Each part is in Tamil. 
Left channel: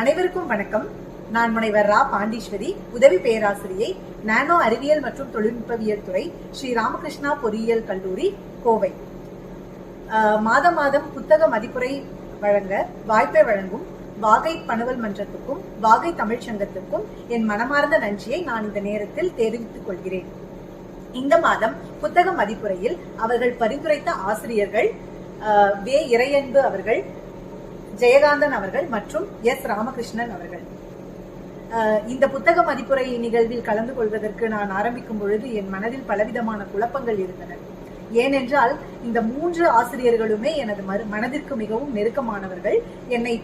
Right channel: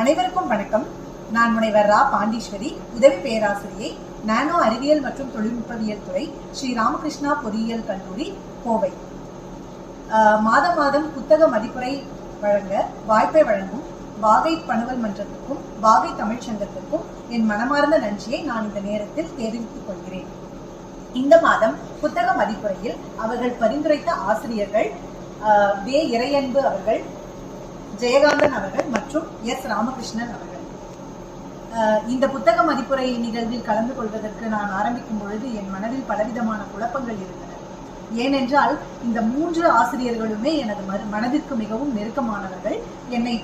அனைவருக்கும் வணக்கம். நான் முனைவர் ரா பாண்டீஸ்வரி, உதவி பேராசிரியை, நானோ அறிவியல் மற்றும் தொழில்நுட்பவியல் துறை, ஸ்ரீ ராமகிருஷ்ணா பொறியியல் கல்லூரி, கோவை. மாதம் புத்தக மதிப்புரை வழங்க வாய்ப்பை வழங்கும் வாகை பணுவல் மன்றத்துக்கும் வாகை தமிழ்ச் சங்கத்திற்கும் என் மனமார்ந்த நன்றியை நான் இந்த நேரத்தில் தெரிவித்துக் கொள்கிறேன். இந்த மாதம் புத்தக மதிப்புரையில் அவர்கள் பரிந்துரைத்த ஆசிரியர்கள் வே இறையன்பு அவர்கள், ஜெயகாந்தன் அவர்கள் மற்றும் எஸ் ராமகிருஷ்ணன் அவர்கள். இந்த புத்தக மதிப்புரை நிகழ்வில் கலந்து கொள்வதற்கு நான் ஆரம்பிக்கும் பொழுது என் மனதில் பலவிதமான குழப்பங்கள் இருந்தன. ஏனென்றால் இந்த 3 ஆசிரியர்களுமே எனது மனதிற்கு மிகவும் நெருக்கமானவர்கள், என்னை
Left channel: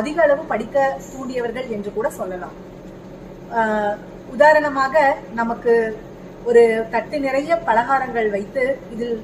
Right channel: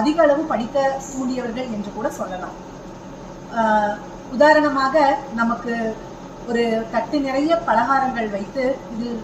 அதிக அளவு படிக்க தூண்டியவர்கள் என்று கூட சொல்லலாம். உதாரணமாக, நமக்கு ஒரு தட்டு நிறைய பலகாரங்கள் வைத்து இதில்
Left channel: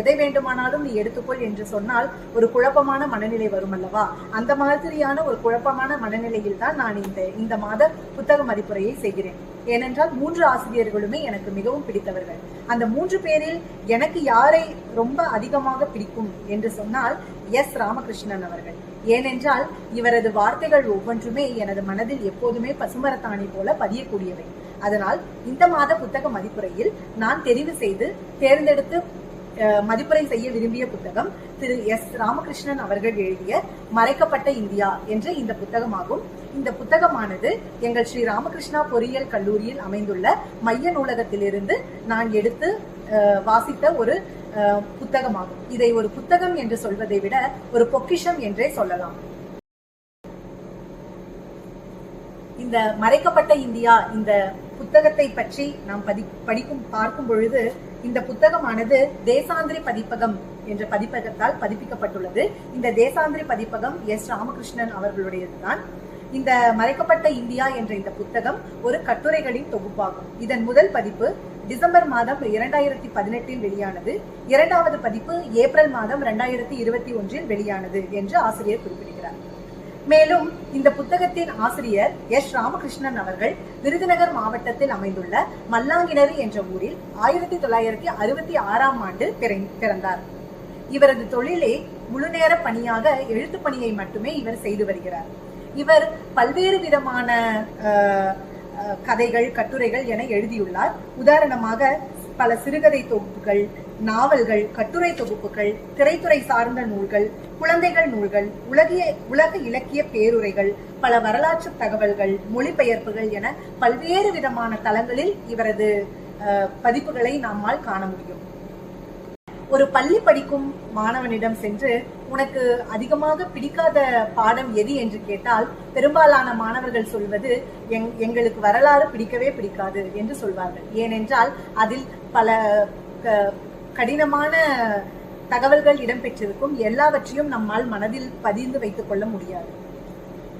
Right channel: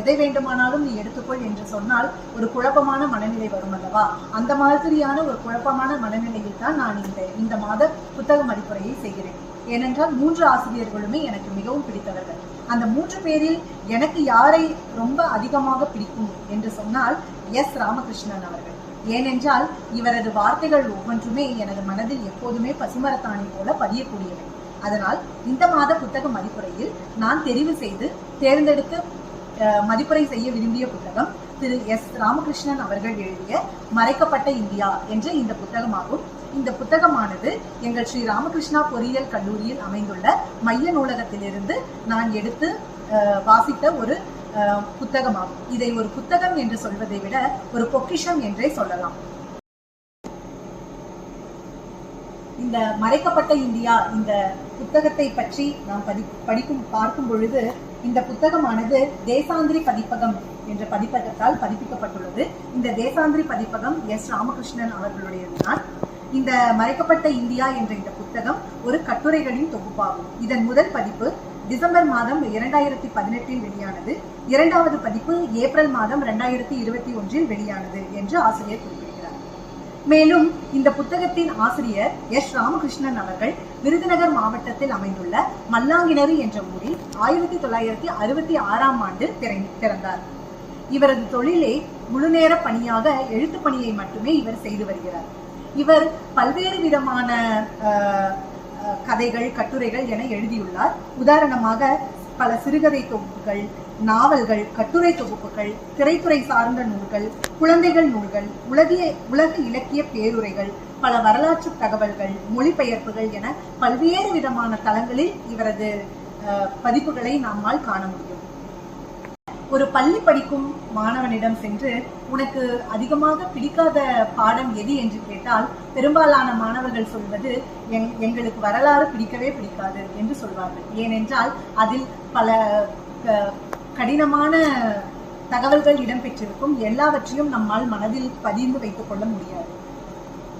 எதை வேண்டுமானாலும் நீ எடுத்துக்கொள் என்று சொன்னால் ஒரு குழப்பமான மனநிலை வரும் அல்லவா? அந்த மாதிரியான ஒரு குழப்பமான மனநிலையில் தான் நான் இந்த மாத புத்தக மதிப்புரையை செய்கிறேன். ஏனென்றால் 3 ஆசிரியர்களுமே எனக்கு மிகவும் பிடித்தவர்கள். அந்த 3 பேரில் எனக்கு யாரை ரொம்ப அதிகமாக பிடிக்கும் என்று சொன்னால் எஸ் ராமகிருஷ்ணன் அவர்கள். ஏனென்றால் இவரது வார்த்தைகள் ஒவ்வொன்றுமே எனது மனதில் எப்போதுமே பசுமரத்தாணி போல பதியக்கூடியவை. அதனால் இந்த மாத புத்தக மதிப்புரையில் நான் தெரிவு செய்து தேர்ந்தெடுத்து மதிப்புரை செய்ய விரும்பிய புத்தகம் திரு எஸ் ராமகிருஷ்ணன் அவர்கள் எழுதிய மறைக்கப்பட்ட இந்தியா என்ற இந்த புத்தகமாகும். இந்த புத்தகமானது எங்கள் ஸ்ரீ ராமகிருஷ்ணா பொறியியல் கல்லூரியில் அமைந்துள்ள மைய நூலகத்திலிருந்து நான் எடுத்து வாசித்த ஒரு புத்தகமாகும். இதை ஒரு புத்தகம் என்று சொல்வதை விட ஒரு பொக்கிஷம் என்றே சொல்லலாம். இந்த மறைக்கப்பட்ட இந்தியா இந்த புத்தகத்தை பற்றி நாம் பார்க்கும் பொழுது, இந்த புத்தகமானது தேசாந்திரி பதிப்பகம் என்ற பதிப்பகத்தால் பதிப்பிக்கப்பட்டுள்ளது. இந்த தேசாந்திரி பதிப்பகம் எஸ் ராமகிருஷ்ணன் அவர்களுடையதுதான். இந்த மறைக்கப்பட்ட இந்தியா என்ற இந்த புத்தகம் ஒரு கட்டுரைகளின் தொகுப்பாகும். இதன் முதல் பதிப்பு டிசம்பர் மாதம் 2018 வெளியானது. 2வது பதிப்பு ஏப்ரல் மாதம் 2021 வெளியானது என்று ஆசிரியர் குறிப்பிடுகிறார். மேலும் இந்த புத்தகத்தின் ஆசிரியர் எஸ் ராமகிருஷ்ணன் அவர்கள் விருதுநகர் மாவட்டத்தில் அமைந்துள்ள மல்லாங்கிணறு என்ற ஊரில் 1966ஆம் ஆண்டு பிறந்தார். இவரது தொழிலே முழுநேர பணியாக எழுத்து பணியை மட்டுமே இவர் செய்து வருகிறார். இவர் பல்வேறு விதமான கதைகள், கட்டுரைகள் என எழுதியுள்ளார். உதாரணமாக பல சிறுகதை தொகுப்புகள், நாவல்கள், கட்டுரை தொகுப்புகள், திரைத்துறை சார்ந்த நூல்கள், குழந்தைகள் நூல்கள், உலக இலக்கிய பேருரைகள், பல வரலாற்று தகவல்கள், மொழிபெயர்ப்புகள் என பல்வேறு விதமான தளங்களில் இவரது பதிப்புகளை நம்மால் காண முடியும். ஒரு பள்ளி படிக்கும் மாணவனிடம் சென்று உனக்கு அதிகமாக பிடிக்காத பாடம் எது என்று கேட்டால் பெரும்பாலான மாணவர்கள் சொல்வது எங்களுக்கு வரலாறு பிடிக்கவே பிடிக்காது என்று சொல்வார்கள். ஏனென்றால் அதில் பல கடினமான தகவல்கள் இடம்பெற்றிருக்கும். எல்லாவற்றையும் நம்மால் மனதில் பதிந்து வைத்துக் கொள்ள முடியாது.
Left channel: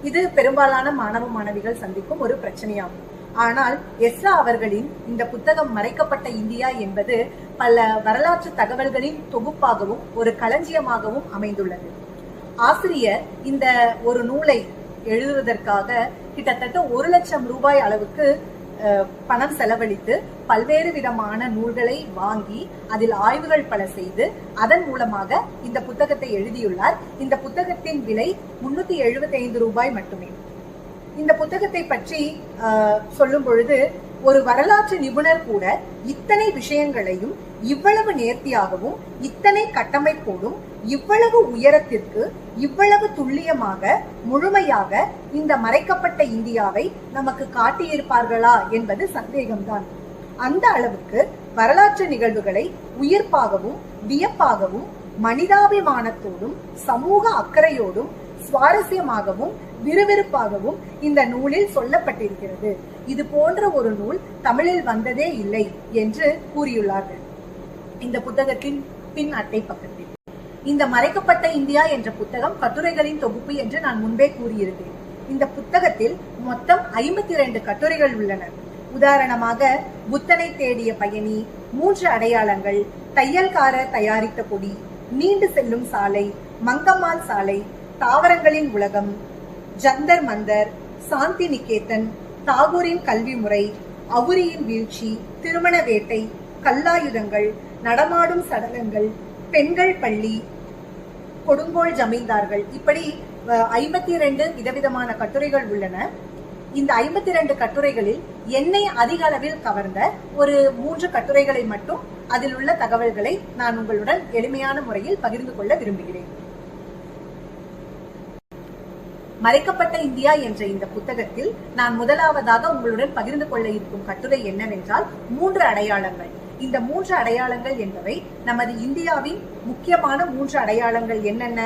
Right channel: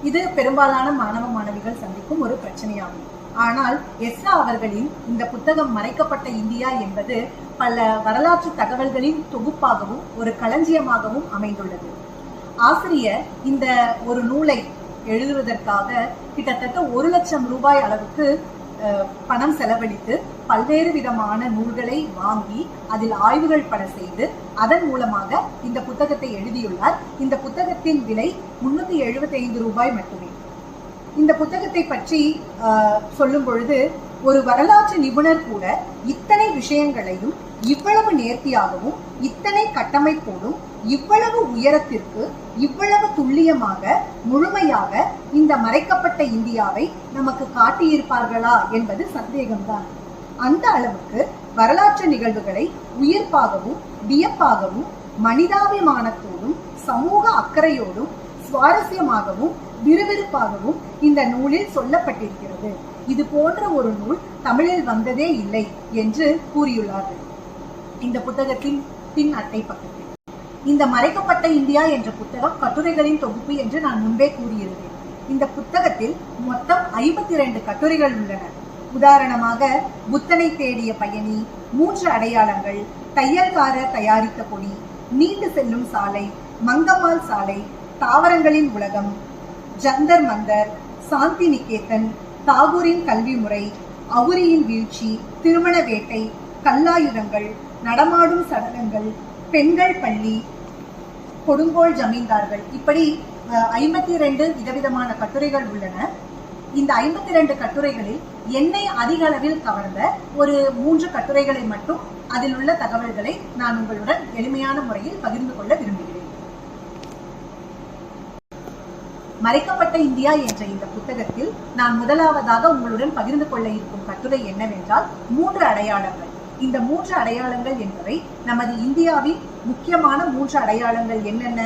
இது பெரும்பாலான மாணவ மாணவிகள் சந்திக்கும் ஒரு பிரச்சனையாகும். ஆனால் எஸ்ரா அவர்களின் இந்த புத்தகம் மறைக்கப்பட்ட இந்தியா என்பது பல வரலாற்று தகவல்களின் தொகுப்பாகவும் ஒரு களஞ்சியமாகவும் அமைந்துள்ளது. ஆசிரியர் இந்த ஒரு நூலை எழுதுவதற்காக கிட்டத்தட்ட 1 லட்சம் ரூபாய் அளவுக்கு பணம் செலவழித்து பல்வேறு விதமான நூல்களை வாங்கி அதில் ஆய்வுகள் பல செய்து அதன் மூலமாக இந்த புத்தகத்தை எழுதியுள்ளார். இந்த புத்தகத்தின் விலை 375 ரூபாய் மட்டுமே. இந்த புத்தகத்தை பற்றி சொல்லும் பொழுது, ஒரு வரலாற்று நிபுணர் கூட இத்தனை விஷயங்களையும் இவ்வளவு நேர்த்தியாகவும் இத்தனை கட்டமைப்போடும் இவ்வளவு உயரத்திற்கு இவ்வளவு துல்லியமாக முழுமையாக இந்த மறைக்கப்பட்ட இந்தியாவை நமக்கு காட்டியிருப்பார்களா என்பது சந்தேகம்தான். அந்த அளவுக்கு வரலாற்று நிகழ்வுகளை உயிர்ப்பாகவும் வியப்பாகவும் மனிதாபிமானத்தோடும் சமூக அக்கறையோடும் சுவாரஸ்யமாகவும் விறுவிறுப்பாகவும் இந்த நூலில் சொல்லப்பட்டிருக்கிறது. இது போன்ற ஒரு நூல் தமிழில் வந்ததே இல்லை என்று கூறியுள்ளார்கள் இந்த புத்தகத்தின் பின் அட்டை பக்கத்தில். இந்த மறைக்கப்பட்ட இந்தியா என்ற புத்தகம் கட்டுரைகளின் தொகுப்பு என்று நான் முன்பே கூறியிருந்தேன். இந்த புத்தகத்தில் மொத்தம் 52 கட்டுரைகள் உள்ளன. உதாரணமாக புத்தனை தேடிய பயணி, 3 அடையாளங்கள், தையல்காரர் தயாரித்த கொடி, நீண்டு செல்லும் சாலை, மங்கம்மாள் சாலை, தாவரங்களின் உலகம், ஜந்தர் மந்தர், சாந்தி நிகேதன், தாகூரின் கல்வி முறை, அவுரியின் வீழ்ச்சி, திருமண வேட்டை, கல்லாயுதங்கள், நடமாடும் சடலங்கள், பெண்கள் பள்ளி, கொடுங்கோல் ஜமீன்தார்கள், இப்படி 52 விதவிதமான கட்டுரைகள் உள்ளன. இந்த 52 கட்டுரைகளில் என்னை அதிக அளவில் கவர்ந்த ஒரு 3 கட்டுரைகளை மட்டும், அதில் உள்ள தகவல்களை நான் உங்களுடன் எளிமையான முறையில் பகிர்ந்து கொள்ள விரும்புகிறேன். மறைக்கப்பட்ட இந்தியா என்ற இந்த புத்தகத்தில் நான் முதலாவதாக உங்களுடன் பகிர்ந்து கொள்ள இருக்கும் கட்டுரை என்னவென்றால் 3 அடையாளங்கள். இந்த 3 அடையாளங்கள் என்பவை நமது இந்தியாவின் முக்கியமான 3 அடையாளங்கள் என்னென்ன?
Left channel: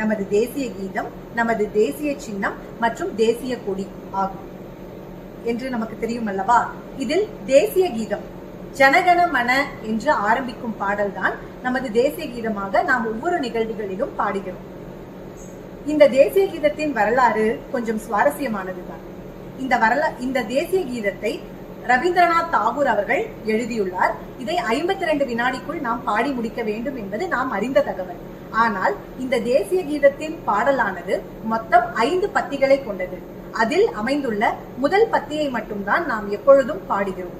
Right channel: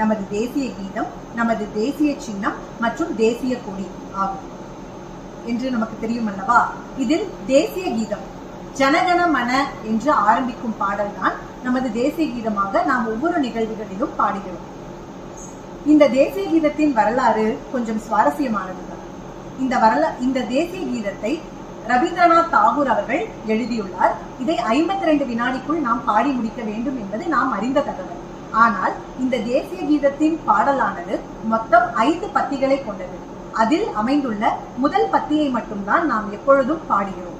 நமது தேசிய கீதம், நமது தேசிய சின்னம் மற்றும் தேசிய கொடி ஆகும் என்று நமக்கு தெரியும் அல்லவா? இதில் தேசிய கீதம் ஜனகண மன என்று ஆரம்பிக்கும் பாடல்தான் நமது தேசிய கீதமாக நாம் ஒவ்வொரு நிகழ்வுகளிலும் பாடுகிறோம். இந்த தேசிய கீதத்தின் வரலாறு கொஞ்சம் சுவாரஸ்யமானதுதான். இந்த தேசிய கீதத்தை ரவீந்திரநாத் தாகூர் அவர்கள் எழுதியுள்ளார். இதை 52 வினாடிக்குள் நாம் பாடி முடிக்க வேண்டும் என்பது நாம் அறிந்த தகவல். ஆனால் இந்த தேசிய கீதத்தின் பாடலானது மொத்தம் 5 பத்திகளை கொண்டது. அதில் அமைந்துள்ள முதல் பத்தியை மட்டும்தான் நாம் எப்பொழுதும் பாடுகிறோம்.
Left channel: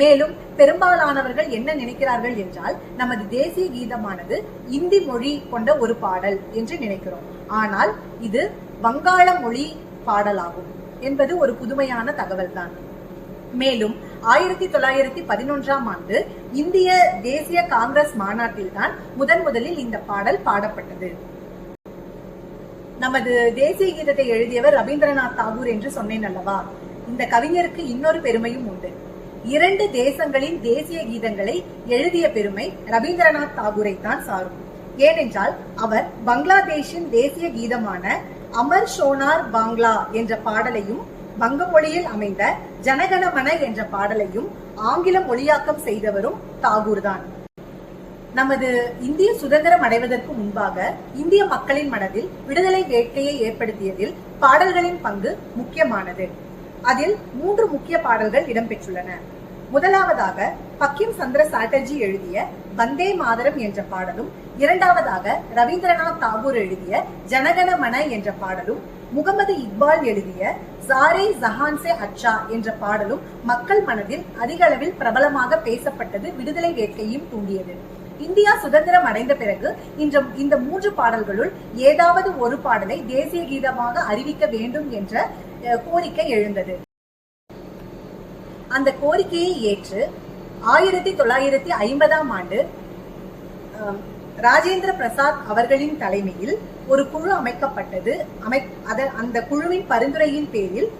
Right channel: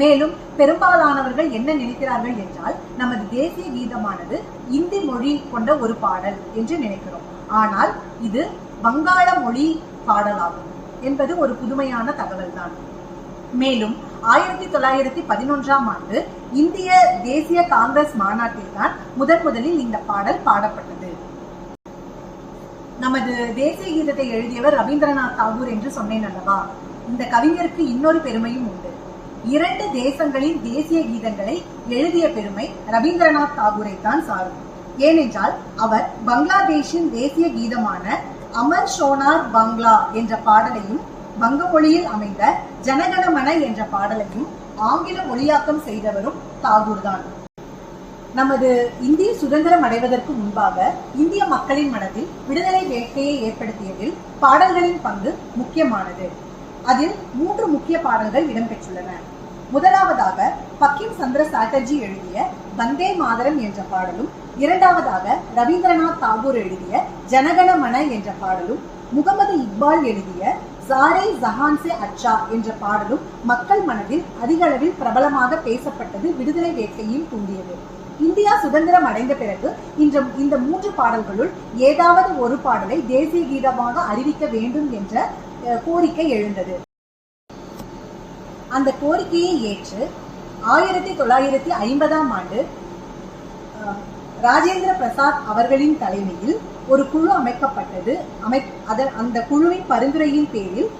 மேலும் பெரும்பாலானவர்கள் என்ன நினைக்கிறார்கள் என்றால், நமது தேசிய கீதமானது இந்தி மொழி கொண்ட ஒரு பாடல் என்று நினைக்கிறோம். ஆனால் இது வங்காள மொழி பாடலாகும் என்பது ஒரு புதுமையான தகவல் தான். மேலும் 1911ஆம் ஆண்டு இந்திய தேசிய காங்கிரஸ் மாநாட்டில் தான் முதலில் இந்த பாடல் பாடப்பட்டது. நமது தேசிய கீதத்தை எழுதியவர் ரவீந்திரநாத் தாகூர் என்று சொன்னேன் அல்லவா? இந்த கவிஞருக்கு இன்னொரு பெருமையும் உண்டு. 2 தேசங்களின் தேசிய கீதங்களை எழுதிய பெருமை ரவீந்திரநாத் தாகூரை தான் சாரும். ஏனென்றால் அவர் பங்களாதேஷின் தேசிய கீதமான அமர் ஷோனார் பாங்லா என்ற பாடலையும், வங்க மொழியில் அமைந்த ஜனகணமன என்ற பாடலையும் ஆங்கில மொழியாக்கம் செய்தவரும் தாகூர் தான். நமது இந்திய சுதந்திரம் அடைவதற்கு முன்பாக இந்திய மக்களின் மனதில் விடுதலை வேட்கையை ஏற்படுத்தியதில் பாடல்களின் பங்கு முக்கியமானது. அதில் 3 முக்கிய பாடல்கள் இடம்பெற்றுள்ளன. முதலாவதாக பக்கிம் சந்திர சாட்டர்ஜி எழுதிய வந்தே மாதரம் என்ற பாடலும், இரண்டாவதாக ரவீந்திரநாத் தாகூர் எழுதிய ஜனகணமன என்ற பாடலும், முகமது இக்பால் எழுதிய சாரே ஜஹான் சே அச்சா என்ற பாடலும் மக்கள் மனதில் அதிக அளவில் பிரபலமாக பேசப்பட்டது, விடுதலை வேட்கையும் தூண்டியது. இந்தியா சுதந்திரம் அடைந்த பிறகு இந்த 3 பாடல்களுள் ஏதாவது ஒரு பாடலை தேசிய கீதமாக அறிவிக்க வேண்டும் என்ற கோரிக்கை எழுந்தது. அந்த கோரிக்கையை ஏற்று 1950ஆம் ஆண்டு ராஜேந்திர பிரசாத் அவர்களின் தலைமையில் ஒரு குழு அமைக்கப்பட்டது. அந்த குழுவின் பரிந்துரையின் பேரில்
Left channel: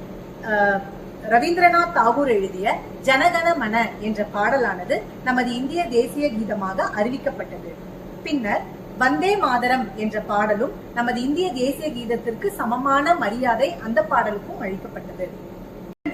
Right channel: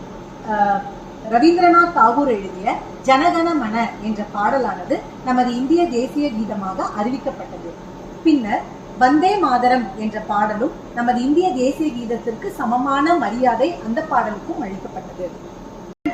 ரவீந்திரநாத் தாகூர் எழுதிய ஜனகணமன என்ற பாடலானது நமது இந்திய தேசிய கீதமாக அறிவிக்கப்பட்டது. பின்னர் வந்தே மாதரம் என்ற பாடலும் நமது இந்திய தேசிய கீதத்திற்கு சமமான மரியாதை அந்த பாடலுக்கும் அளிக்கப்பட்டது.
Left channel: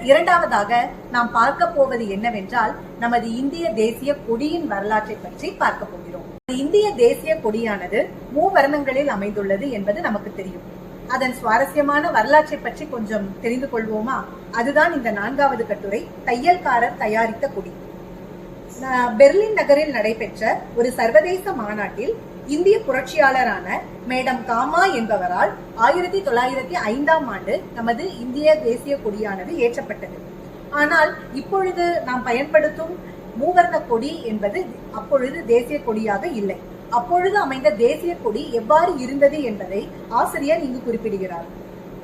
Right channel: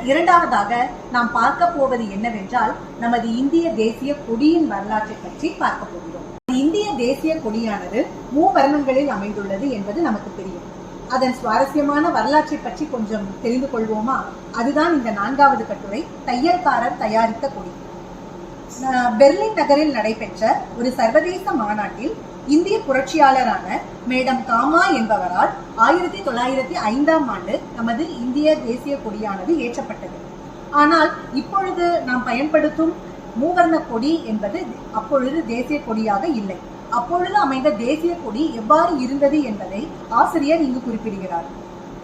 இரண்டாவதாக நாம் பார்க்க போவது என்னவென்றால், நமது இந்திய தேசிய கொடியின் வரலாற்றை பற்றி பார்க்க போகிறோம். இந்திய தேசிய கொடியானது மூவர்ணங்களில் அமைந்துள்ளது என்பது நமக்கு தெரியும். அதன் சுவாரஸ்யமான வரலாற்றை பற்றி கொஞ்சம் தெரிந்து கொள்வோமா? அதுதான் இந்த 4வது கட்டுரை, தையல்காரர் தயாரித்த கொடி. பெர்லின் நகரில் நடைபெற்ற ஒரு சர்வதேச மாநாட்டில் இந்திய புரட்சியாளரான மேடம் காமா என்பவரால் 1905ஆம் ஆண்டு நமது இந்திய தேசிய கொடியானது ஏற்றப்பட்டது. ஆனால் இப்பொழுது நாம் பயன்படுத்தும் மூவர்ண கொடி என்பது அப்பொழுது தேசிய கொடியாக இல்லை. அப்பொழுது அமைந்த தேசிய கொடி எவ்வாறு இருந்தது என்பதை ஆசிரியர் இங்கு குறிப்பிடுகிறார்.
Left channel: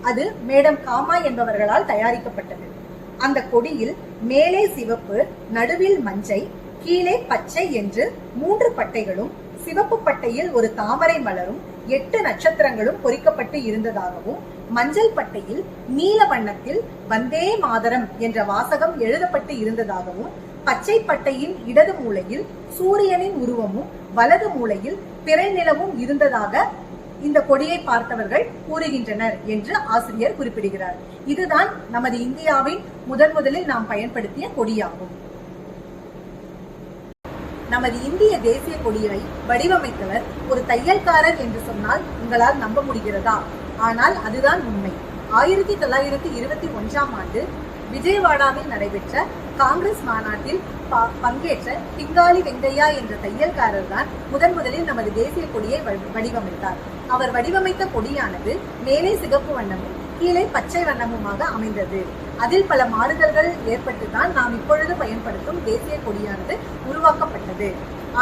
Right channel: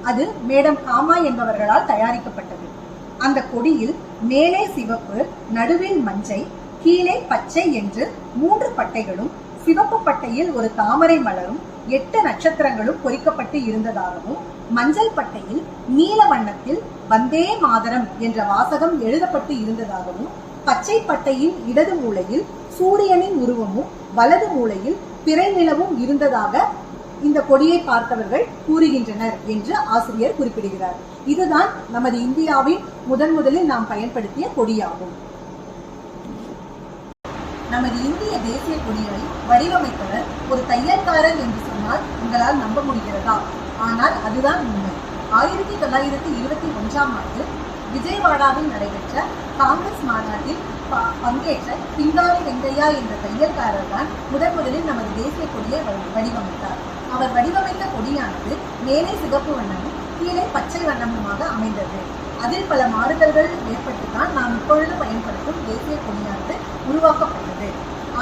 அது மேடம் காமா என்பவர்களால் தயாரிக்கப்பட்டது. அந்த கொடியில் மேலே சிவப்பு, நடுவில் மஞ்சள், கீழே பச்சை என்று 3 பட்டைகளும், சிவப்பு பட்டையில் ஒரு தாமரை மலரும் 8 நட்சத்திரங்களும் பொறிக்கப்பட்டு இருந்ததாகவும், மஞ்சள் பட்டையில் நீல வண்ணத்தில் வந்தே மாதரம் என்ற வாசகம் எழுதப்பட்டு இருந்ததாகவும், பச்சை பட்டையின் இடது மூலையில் சூரியனின் உருவமும் வலது மூலையில் பிறை நிலவும் இருந்ததாக இந்த கொடியை பார்த்தவர்கள் கூறுகின்றனர் என்று ஆசிரியர் குறிப்பிடுகிறார். இதுதான் நமது இந்தியாவின் முதலில் நாம் பயன்படுத்திய கொடியாகும். நமது இந்திய தேசிய கொடியை வடிவமைத்தவர் ஒரு தையல்காரர் என்று சொன்னால் உங்களால் நம்ப முடிகிறதா? ஆனால் அதுதான் உண்மை. 1921ஆம் ஆண்டு விஜயவாடாவில் நடைபெற்ற காங்கிரஸ் மாநாட்டில் பங்கேற்ற பிங்காளி வெங்கையா என்ற தையல்காரர் தான் முதலில் நமது தேசிய கொடியை வடிவமைத்தார். அவர் வடிவமைத்த கொடியானது மேலே சிகப்பு வண்ணமும் கீழே பச்சை வண்ணமுமாக அமைந்தது. அதில் பல மாறுதல்கள் ஏற்பட்டுதான் நாம் இப்பொழுது பயன்படுத்தும் தேசிய கொடியானது உருவாக்கப்பட்டது.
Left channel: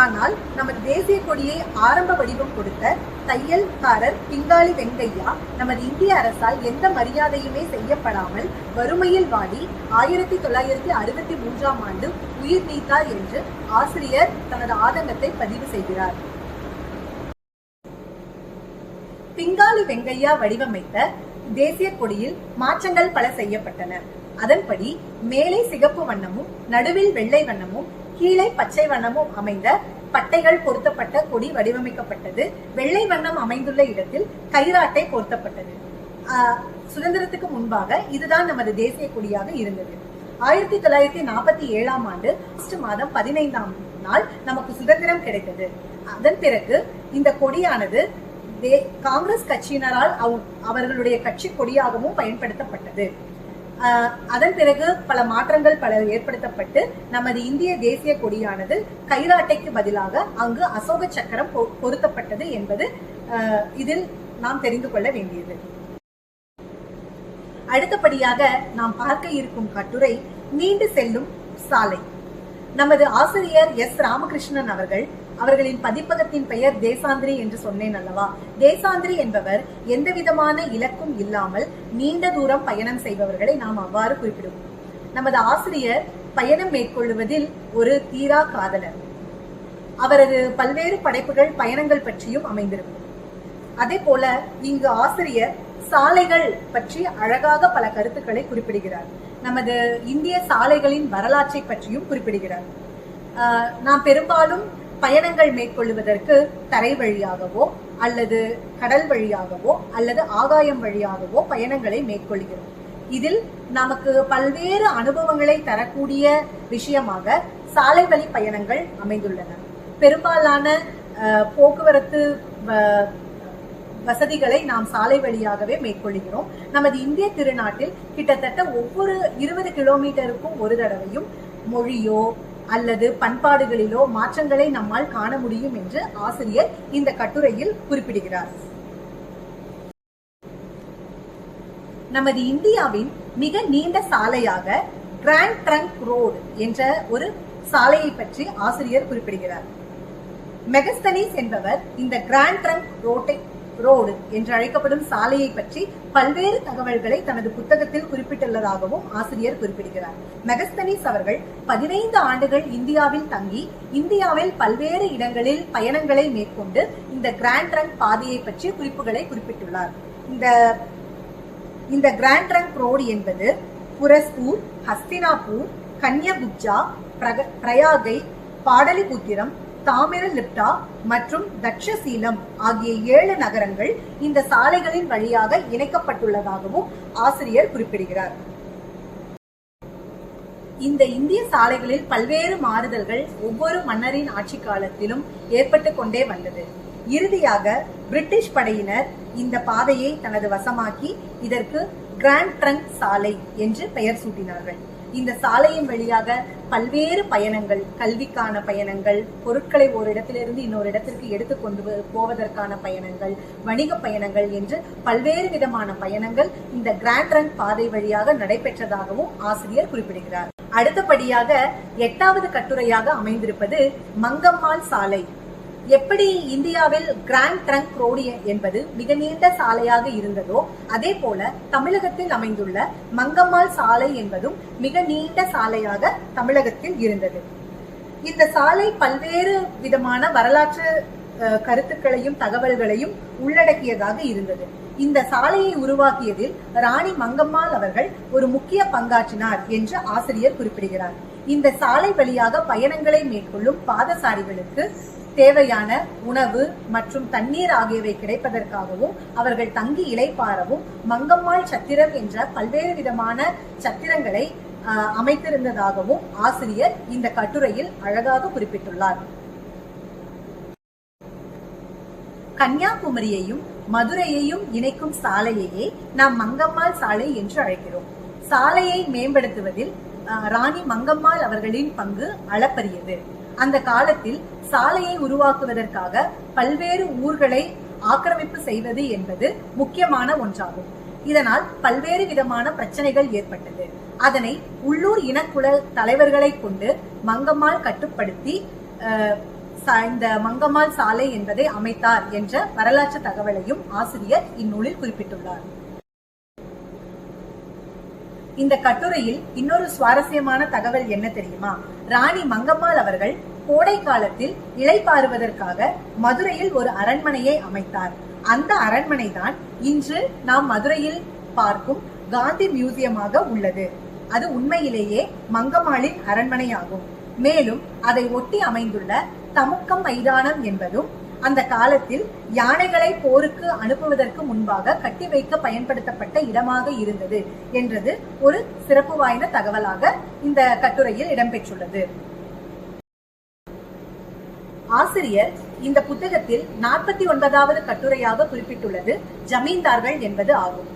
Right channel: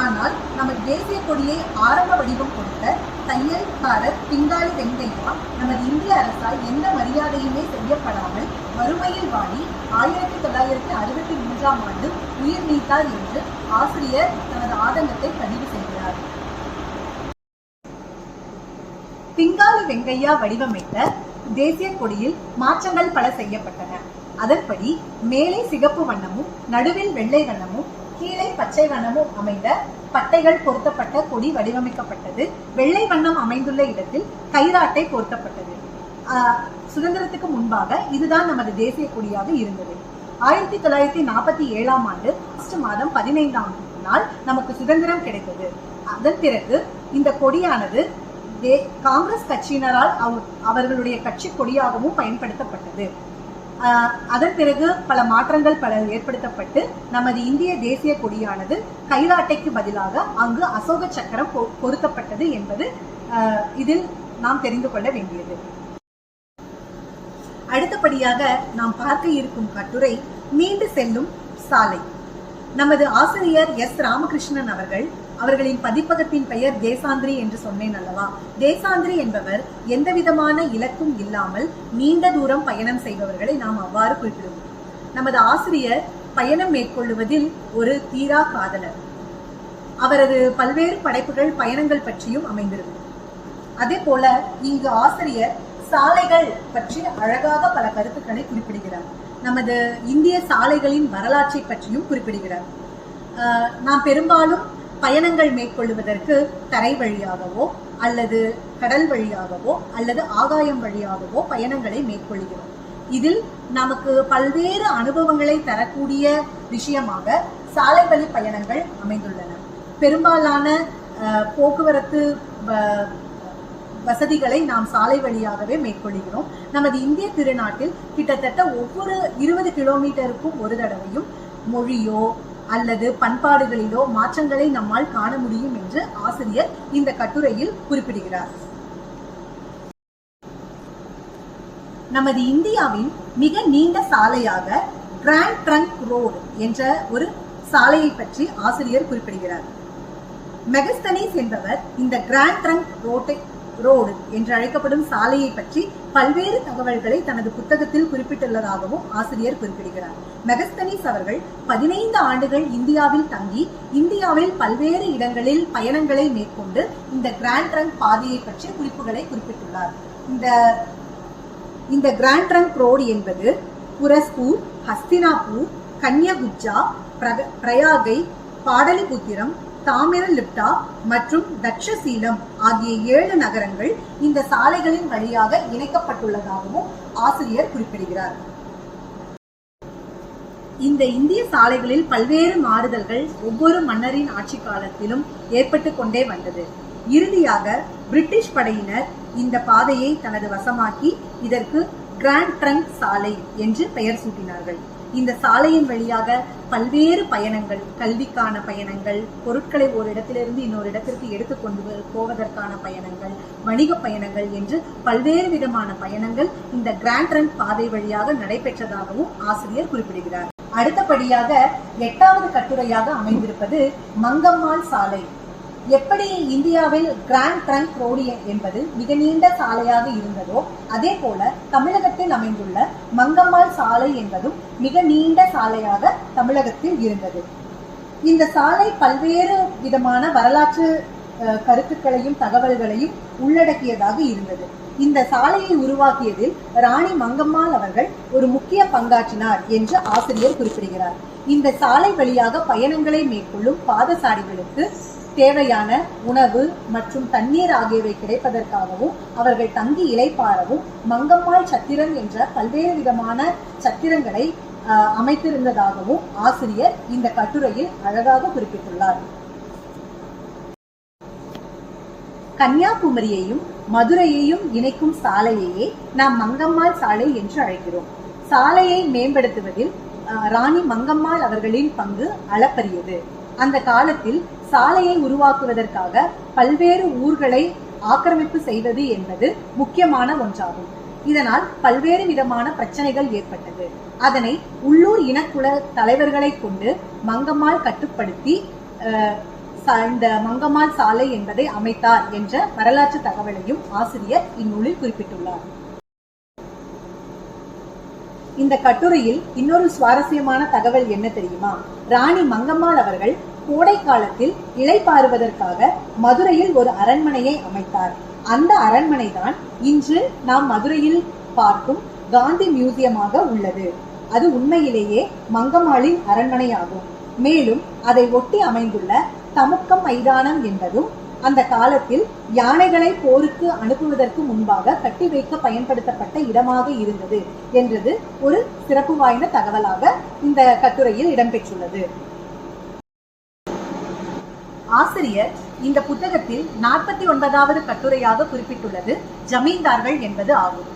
ஆனால் நமது தேசிய கொடியை ஆரம்ப வடிவம் கொடுத்த தையல்காரர் பிங்காலி வெங்கையா நமது இந்திய அரசால் எந்த மரியாதையுமே செய்யப்படாமல் வறுமையில் வாடி 1963ஆம் ஆண்டு உயிர் நீத்தார் என்று ஆசிரியர் தனது ஆதங்கத்தை பதிவு செய்கிறார். பிங்காலி வெங்கையா வடிவமைத்த தேசிய கொடியில் மாற்றங்கள் பல செய்யப்பட்டன. அதன்படி மேலே சிகப்பு வண்ணமும் நடுவில் வெள்ளை வண்ணமும் கீழே பச்சை வண்ணமும் அமைந்த பட்டைகள் பொருத்தப்பட்ட கொடி வடிவமைக்கப்பட்டது. வெள்ளை வண்ணம் அமைந்துள்ள இடத்தில் கைராட்டை பொருத்தப்பட்டது. சுதந்திரத்துக்கு முன்பாக இதுதான் நமது தேசிய கொடியாக இருந்தது. 1947ஆம் ஆண்டு ஆகஸ்ட் மாதம் 15ஆம் நாள் நமக்கு சுதந்திரம் கிடைத்தது. அதன் பிறகு இந்த கொடியானது காங்கிரஸ் கட்சியினரால் அவர்களுடைய கட்சி கொடியாகவும் பயன்படுத்தப்பட்டது. அதன் பிறகு பல மாற்றங்கள் பல ஏற்படுத்தப்பட்டு நமது இந்திய தேசிய கொடியானது கைராட்டைக்கு பதிலாக அங்கு அசோக சக்கரம் பொருத்தப்பட்டது என்பது இதில் நாம் தெரிந்து கொள்ள வேண்டியது. அடுத்தபடியாக நாம் பார்க்க இருக்கும் கட்டுரை நீண்டு செல்லும் சாலை. நமது ஆசிரியர் எஸ். ராமகிருஷ்ணன் அவர்களின் பதிப்பகத்தின் பெயர் தேசாந்திரி என்று சொன்னேன் அல்லவா. தேசாந்திரி என்பவர் எந்த விதமான இலக்கும் இல்லாமல் நீண்ட தூரம் பயணம் செய்பவர்களை நாம் அவ்வாறு குறிப்பிடுவோம். நமது ஆசிரியர் பயணம் மேற்கொள்வதில் ஒரு தீரா காதலர். அவரது பல்வேறு படைப்புகள் பயணங்கள் பற்றியும் அமைந்திருக்கும். அதே போல இங்கு ஆசிரியர் சாலைகள் பற்றி அழகாக பல கருத்துக்களை குறிப்பிடுகிறார். நமது இந்திய சாலைகளின் வரலாற்றை பற்றியும் குறிப்பிடுகிறார். நாம் பெரும்பாலும் பயணங்கள் மேற்கொள்வதற்கு தரை வழியாகவோ அல்லது கடல் வழியாகவோ அல்லது ஆகாயம் வழியாகவோ பயணங்களை மேற்கொள்கிறோம். இதில் நமக்கு பல்வேறு அனுபவங்களை தரக்கூடிய விஷயமாக சாலை வழி பயணங்கள் அமைந்துள்ளன. பெரும்பாலான போக்குவரத்து வசதிகளை நாம் சாலை வழியாகவே மேற்கொள்கிறோம். நமது இந்திய திருநாட்டில் கிட்டத்தட்ட ஒவ்வொரு 20 கிலோமீட்டருக்கும் ஒரு தடவையும் மொழியோ அல்லது பண்பாடுகளிலோ மாற்றங்களை நம்மால் காண முடியும் என்று ஆசிரியர் இந்த கட்டுரையில் குறிப்பிடுகிறார். நமது இந்தியாவின் மிக நீண்ட சாலையாக கிராண்ட் ட்ரங்க் ரோடு என்ற ஒரு சாலையை பற்றி ஆசிரியர் குறிப்பிடுகிறார். மெகஸ்தனீஸ் என்பவர் இந்த கிராண்ட் ட்ரங்க் ரோடு என்று அழைக்கப்படும் சாலையை பற்றி பல்வேறு தகவல்களை தனது புத்தகத்தில் குறிப்பிட்டுள்ளதாகவும் ஆசிரியர் குறிப்பிடுகிறார். மெகஸ்தனீஸ் அவர்கள் 15 ஆண்டுகள் இந்தியாவில் தங்கி இந்தியாவில் பல்வேறு இடங்களில் பயணங்களை மேற்கொண்டு இந்த கிராண்ட் ட்ரங்க் பாதையை பற்றி குறிப்புகளை குறிப்பிட்டுள்ளார். இந்த கிராண்ட் ட்ரங்க் ரோடு என்பது புரஸ்பூர், ஹஸ்தினாபூர், கன்யாகுப்ஜா, பிரயாகை, பாடலிபுத்திரம், தாமிரலிப்டா மற்றும் தட்சசீலம் ஆகிய 7 நகரங்கள் இந்த சாலைகளின் வழியாக இணைக்கப்பட்டுள்ளதாகவும் ஆசிரியர் குறிப்பிடுகிறார். இந்த இந்திய சாலைகளில் பல்வேறு மாறுதல்கள் ஒவ்வொரு மன்னரின் ஆட்சி காலத்திலும் ஏற்பட்டு கொண்டே வந்தது. இறுதியாக பிரிட்டிஷ் படையினர் இந்த பாதையை தனது வசமாக்கி இதற்கு கிராண்ட் ட்ரங்க் சாலை என்று பெயர் சூட்டினார்கள். இந்த சாலையின் வழியாக பல்வேறு பயணங்கள், கல்விக்கான பயணங்கள், பொருட்களை ஒரு இடத்திலிருந்து இன்னொரு இடத்திற்கு எடுத்துக்கொண்டு போவதற்கான பயணங்கள், வணிக பயணங்கள் என்று பல்வேறு விதமான பயணங்கள் இந்த கிராண்ட் ட்ரங்க் பாதை வழியாக நடைபெற்றதாகவும் ஆசிரியர் குறிப்பிடுகிறார். அடுத்தபடியாக 8வது கட்டுரையாக அமைந்திருப்பது மங்கம்மாள் சாலை. எப்படி இந்தியாவில் கிராண்ட் ட்ரங்க் ரோடு என்பது மிக நீண்ட சாலையாக இருந்ததோ அதே போல தமிழகத்தில் அமைந்துள்ள மங்கம்மாள் சாலை என்பதும் மிக நீண்ட சாலையாக தமிழகத்தில் இருந்தது. இந்த சாலை பல்வேறு விதமான வரலாற்று கருத்துக்களையும் தகவல்களையும் உள்ளடக்கியதாக இருந்தது. இந்த சாலையை உருவாக்கியதில் ராணி மங்கம்மாள் அவர்கள் ஒரு முக்கிய பங்காற்றினார் என்று ஆசிரியர் குறிப்பிடுகிறார். இந்த சாலை வழியாக பயணங்களை மேற்கொள்ளும் பாதசாரிகளுக்கு தேவையான உணவு மற்றும் தண்ணீர் ஆகியவை கிடைப்பதற்காகவும் அவர்கள் தங்கி இளைப்பாறவும் மங்கம்மாள் சத்திரம் என்ற பல்வேறு விதமான சத்திரங்களை அமைத்திருந்ததாகவும் ஆசிரியர் இந்த கட்டுரையில் அழகாக குறிப்பிட்டுள்ளார். கன்னியாகுமரியையும் மதுரையையும் இணைக்கும் சாலையையே நாம் மங்கம்மாள் சாலை என்று அழைக்கிறோம். சாலையை மேம்படுத்துவதில் ராணி மங்கம்மாள் அவர்களின் பங்கு அளப்பரியது. அந்த காலத்தில் சாலையை உருவாக்குவதற்காக பல்வேறு ஊர்களை ஆக்கிரமிப்பு செய்வது என்பது முக்கியமான ஒன்றாகும். இதனால் பல்வேறு விதமான பிரச்சனைகள் ஏற்பட்டது. அதனை உள்ளூர் இனக்குல தலைவர்களை கொண்டு மங்கம்மாள் கட்டுப்படுத்தி இந்த மங்கம்மாள் சாலை என்பதை அமைத்தார் என்ற வரலாற்று தகவலையும் ஆசிரியர் இந்நூலில் குறிப்பிட்டுள்ளார். இந்த கட்டுரையில் இன்னொரு சுவாரஸ்யமான தகவல் என்ன தெரியுமா? ராணி மங்கம்மாள் அவர்கள் கோடை காலத்தில் இளைப்பாறுவதற்காக மதுரையில் ஒரு அரண்மனையை அமைத்தார். அந்த அரண்மனை தான் இன்று நாம் மதுரையில் பார்க்கும் காந்தி மியூசியமாக உள்ளது. அது உண்மையிலேயே மங்கம்மாளின் அரண்மனையாகும். மேலும் அதை ஒட்டி அமைந்துள்ள தமுக்கம் மைதானம் என்பதும் அந்த காலத்தில் யானைகளை போருக்கு அனுப்புவதற்கு முன்பாக கட்டி வைக்க பயன்படுத்தப்பட்ட இடமாக இருந்தது என்றது ஒரு சிறப்பு வாய்ந்த தகவலாக இந்த கட்டுரையில் இடம்பெற்றுள்ளது. ஆசிரியர் இந்த புத்தகத்தில் 49வது கட்டுரையாக குறிப்பிட்டுள்ளது ஜமீன்தார்கள் என்பது ஆகும்.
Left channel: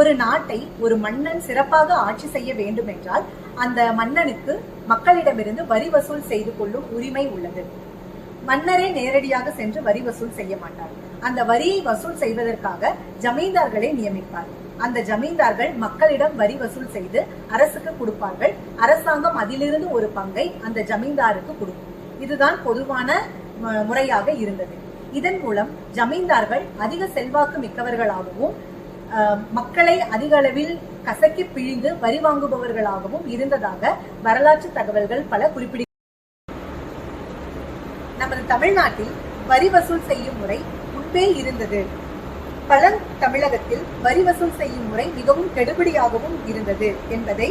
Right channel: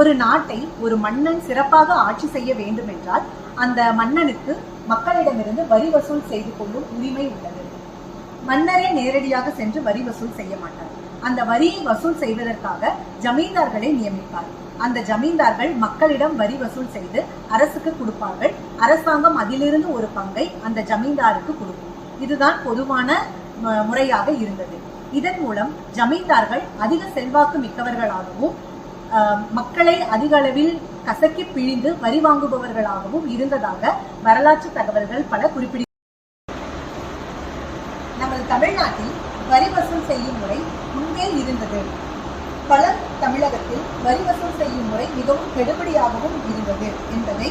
ஒரு நாட்டை ஒரு மன்னன் சிறப்பாக ஆட்சி செய்ய வேண்டும் என்றால் அந்த மன்னனுக்கு மக்களிடமிருந்து வரி வசூல் செய்து கொள்ளும் உரிமை உள்ளது. மன்னரே நேரடியாக சென்று வரி வசூல் செய்ய மாட்டார். அந்த வரியை வசூல் செய்வதற்காக ஜமீன்தார்களை நியமிப்பார். அந்த ஜமீன்தார்கள் மக்களிடம் வரி வசூல் செய்து அரசுக்கு கொடுப்பார்கள். அரசாங்கம் அதிலிருந்து ஒரு பங்கை அந்த ஜமீன்தாருக்கு கொடுக்கும். இதுதான் பொதுவான முறையாக இருந்தது. இதன் மூலம் ஜமீன்தார்கள் அதிக செல்வாக்கு மிக்கவர்களாகவும் மக்களை அதிக அளவில் கசக்கி பிழிந்து வரி வாங்குபவர்களாகவும் இருந்ததாக வரலாற்று தகவல்கள் பல குறிப்பிட. நமது தமிழ்நாட்டில் வரி வசூல் செய்யும் முறை முன்பே இருந்தது. தமிழகத்தில் வரி வசூல் செய்யும் முறை மிகவும் கெடுபிடியாகவும் இருந்தது என்பதை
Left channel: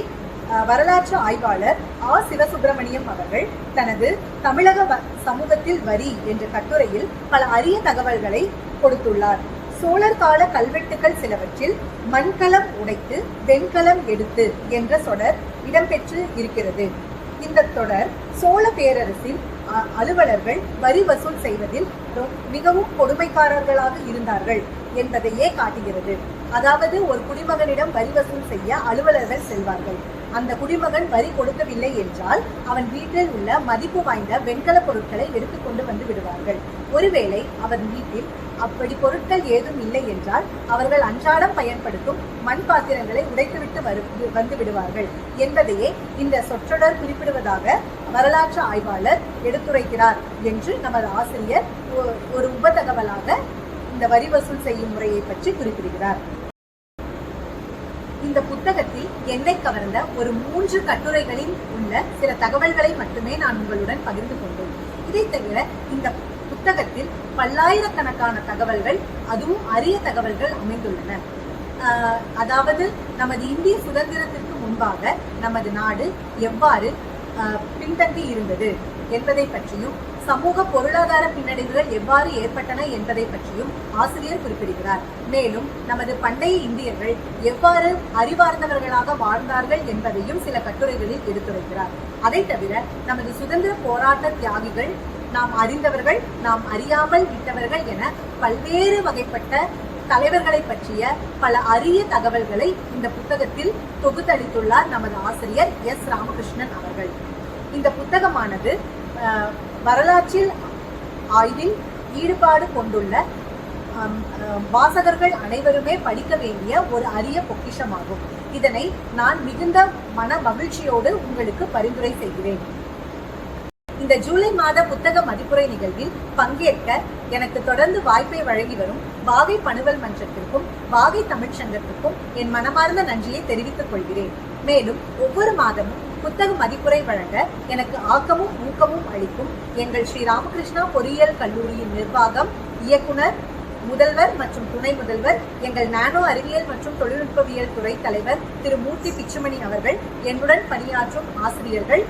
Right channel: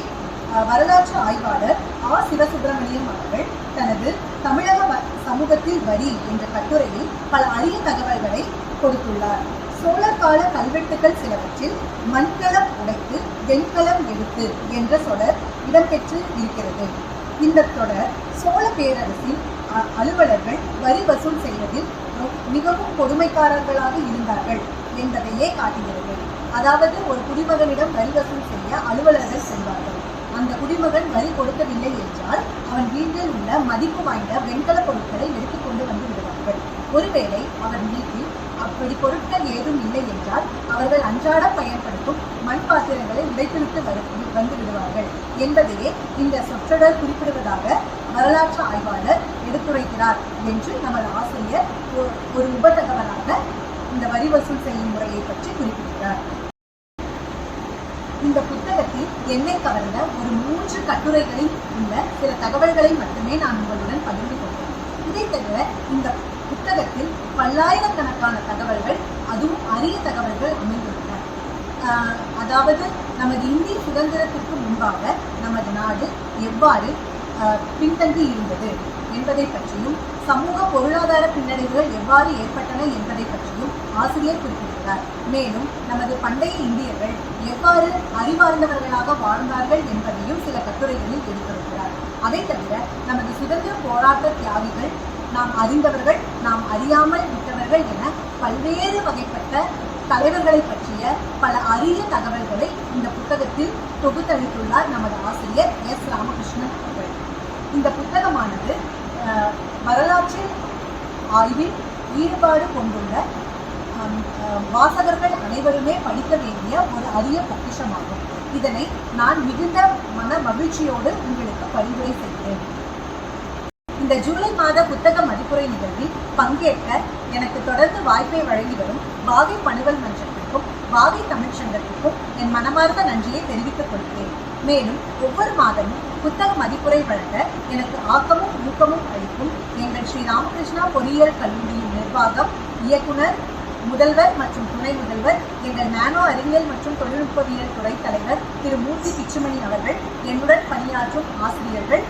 வரலாற்று ஆய்வாளர் சிவசுப்பிரமணியம் அவர்கள் தனது தமிழக சமூகத்தில் வரி என்ற கட்டுரையில் பல அரிய தகவல்களை கொடுத்துள்ளார். சோழர் கால கல்வெட்டுகள் சிலவற்றில் மண்கலம் உடைத்து வெண்கலம் எடுத்து என்ற தொடர் இடம்பெற்று இருக்கிறது. இந்த தொடர் சோழ பேரரசின் அலுவலர்கள் வரி வசூல் செய்வதில் மிகவும் கொடுமைக்காரர்களாக இருந்தார்கள் என்பதையே காட்டுகிறது. அதாவது ஒரு குடிமகனிடம் வரி வசூல் செய்ய அலுவலர்கள் செல்வார்கள். அந்த குடிமகன் வரி கொடுக்கவில்லை என்றால் அவன் வீட்டில் உள்ள மதிப்பு வாய்ந்த வெண்கல பொருட்களை எடுத்துக்கொண்டு வந்து விடுவார்கள். ஒருவேளை அவன் வீட்டில் அப்படி பொருட்கள் ஏதும் இல்லை என்றால் அவர்கள் அன்றாடம் பயன்படுத்தும் மண் பாத்திரங்களை உடைத்துவிட்டு வந்து விடுவார்கள் என்பதையே இந்த சொற்றொடர் குறிப்பிடுவதாக வரலாற்று ஆய்வாளர் எடுத்துரைக்கிறார் என்று நமது ஆசிரியர் ஒரு உபதகவலாக இந்த வரி வசூல் செய்யும் முறையை பற்றி குறிப்பிடுகிறார். இந்த புத்தகத்தில் என்னை கவர்ந்த ஒரு 3 கட்டுரைகளில் உள்ள சில தகவல்களை மட்டுமே நான் உங்களுடன் பகிர்ந்து கொண்டேன். இதை தவிர இந்த புத்தகத்தில் பல்லாயிரக்கணக்கான தகவல்கள், அதுவும் அரிய தகவல்கள் அமைந்துள்ளன. அதாவது நமது இந்திய சுதந்திரத்திற்கு முன்பாக நமது நாடு எவ்வாறு பின்தங்கி இருந்தது என்பதை பற்றியும் சமூக பொருளாதார பின்னடைவுகள் எவ்வாறு ஏற்பட்டன என்பதை பற்றியும் ஆசிரியர் குறிப்பிடுகிறார். மேலும் நமது பண்டைய இந்தியர்கள் எவ்வாறு அறிவார்ந்தவர்களாக வாழ்ந்தார்கள் என்பதையும் சில கட்டுரைகளில் எடுத்துரைக்கிறார். அதை தவிர நமது சுதந்திர போராட்ட தியாகிகள், நாம் அறிந்தவர்கள், நாம் அறியாமல் விட்டவர்கள் என பல்வேறு வகைப்பட்ட தலைவர்களை பற்றிய பல அரிய தகவல்களை இந்த புத்தகத்தில் தொகுத்தளித்துள்ளார் நமது ஆசிரியர் ராமகிருஷ்ணன் அவர்கள். இந்த புத்தகமானது வரலாற்றில் ஆய்வில் ஈடுபாடு கொண்டுள்ள வாசகர்கள் அனைவருமே படிக்க வேண்டிய ஒரு அரிய பொக்கிஷமாகும். இதனை நான் மிகுந்த மன மகிழ்ச்சியோடு உங்களுக்கு பரிந்துரை செய்கிறேன். இந்த ஜூலை மாத புத்தக மதிப்புரை நிகழ்வில் பங்கேற்க எனக்கு தொடர்ந்து வாய்ப்பை வழங்கி வரும் வாகை பணுவல் மன்றத்திற்கும் வாகை தமிழ் சங்கத்திற்கும் என் மனமார்ந்த நன்றியை தெரிவித்துக் கொள்கிறேன். மேலும் ஒவ்வொரு மாதமும் புத்தக மதிப்புரை வழங்க எனக்கு ஆக்கமும் ஊக்கமும் அளிக்கும் எங்கள் ஸ்ரீ ராமகிருஷ்ணா பொறியியல் கல்லூரியின் நிர்வாகம், இயக்குனர், முதல்வர் மற்றும் துணை முதல்வர், எங்கள் நானோ அறிவியல் மற்றும் தொழில்நுட்பவியல் துறை தலைவர் திரு மூர்த்தி பிச்சுமணி அவர்கள், என்னுடன் பணியாற்றும் ஆசிரியர்கள்,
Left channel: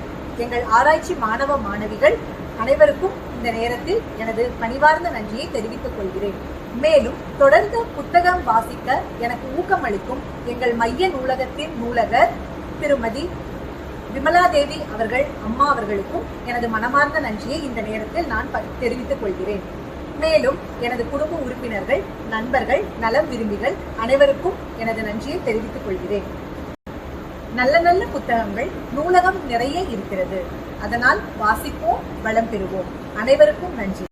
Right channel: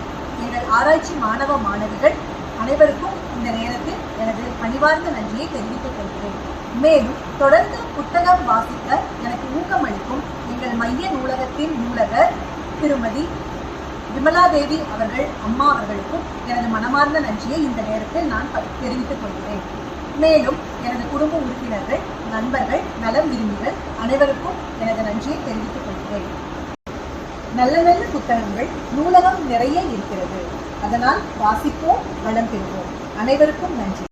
எங்கள் ஆராய்ச்சி மாணவ மாணவிகள் அனைவருக்கும் இந்த நேரத்தில் எனது பணிவார்ந்த நன்றியை தெரிவித்துக் கொள்கிறேன். மேலும் தொடர்ந்து புத்தகம் வாசிக்க எனக்கு ஊக்கமளிக்கும் எங்கள் மைய நூலகத்தின் நூலகர் திருமதி விமலாதேவி அவர்கள், அம்மா அவர்களுக்கும் எனது மனமார்ந்த நன்றியை இந்த நேரத்தில் நான் தெரிவித்துக் கொள்கிறேன். மேலும் எனது குடும்ப உறுப்பினர்கள், நண்பர்கள், நலம் விரும்பிகள் அனைவருக்கும் எனது நன்றியை தெரிவித்துக் கொள்கிறேன். நல்ல நல்ல புத்தகங்கள் நூலகம் நிறைய இருக்கிறது. அதனால் வாசிப்போம், வளம் பெறுவோம். அனைவருக்கும் நன்றி.